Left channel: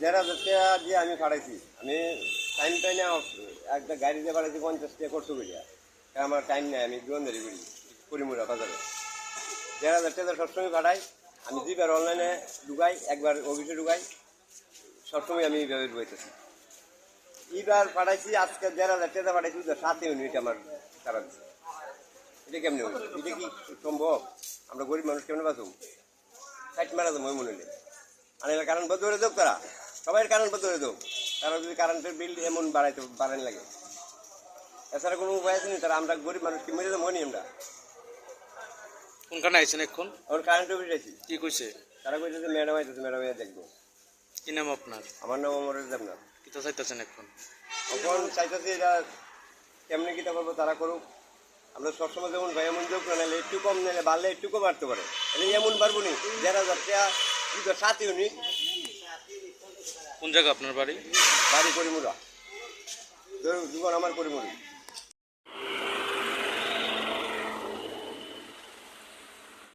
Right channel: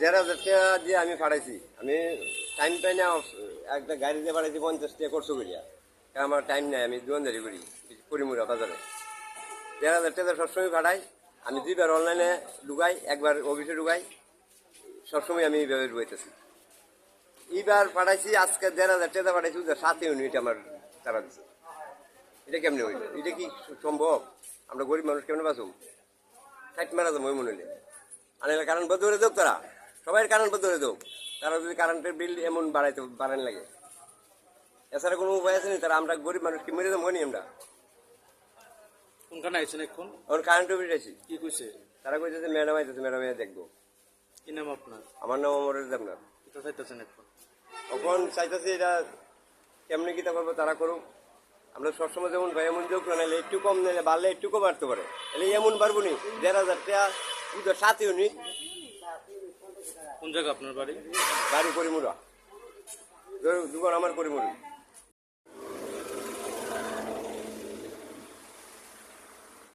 হাজার টাকা দিয়ে আমি পাঠাইছি আমি টাইম না, একটা গাড়ি দিয়ে পাঠাইছি পঞ্চাশ টাকা করছ করিয়া কারণ আমার টাইম নাই, আমি দোকানদারি করি করিমুরা বাজারে। দেড় হাজার টাকা সবসময় পাঠাই আমি দুইবার অনলাইনে ঢুকাই, একবার অফিসে ঢুকাই, সবসময় আমি এইভাবে ঢুকাইতেছি। এইবার পাঠাইছি আজকে দেড় হাজার টাকা পাঠাইছি সাত ইউনিট আমার টাকা দিচ্ছে এটা কেমনি হইল? এটা কি সম্ভব? আমরা গরিব মানুষ কেমন বাঁচুম? ষাট মারা যাব, মনে নেই। আর, কারণ বদলে করে দেব তারা। সবাই কারণ বদলে দেব। কারণ যদি কারেন্টের বিল এমন বাড়াইতে বাড়ান লাগে। এছাড়া কোনো উপায় আছে নি? তারা আমরা গরিব মানুষ কি মেরে নি আমরা। কোনখানে আইছেন এখন? এখন কারেন্ট অফিস আছি কি কইছে? তারা কইছে যে ম্যাডাম আইতেছে ম্যাডাম আইয়া দেখব। কি নাম আপনার? আমার নাম অমর দেবনাথ কিতা চাইতেছেন এখন? তখন চাইতেছে এটা কেমনি কিটা করব তারা করুক। আমরা সবসময় যেমন ভাই এমন যোগ না একটু কম নিলে বাড়লে একটু কম বাড়তে পারে। এমন পারব নি দেড় হাজার টাকা সাত ইউনিট কোন জায়গা আপনার বাড়ি? বাড়ি করিমুরা। দুবার আমার করিমুরি।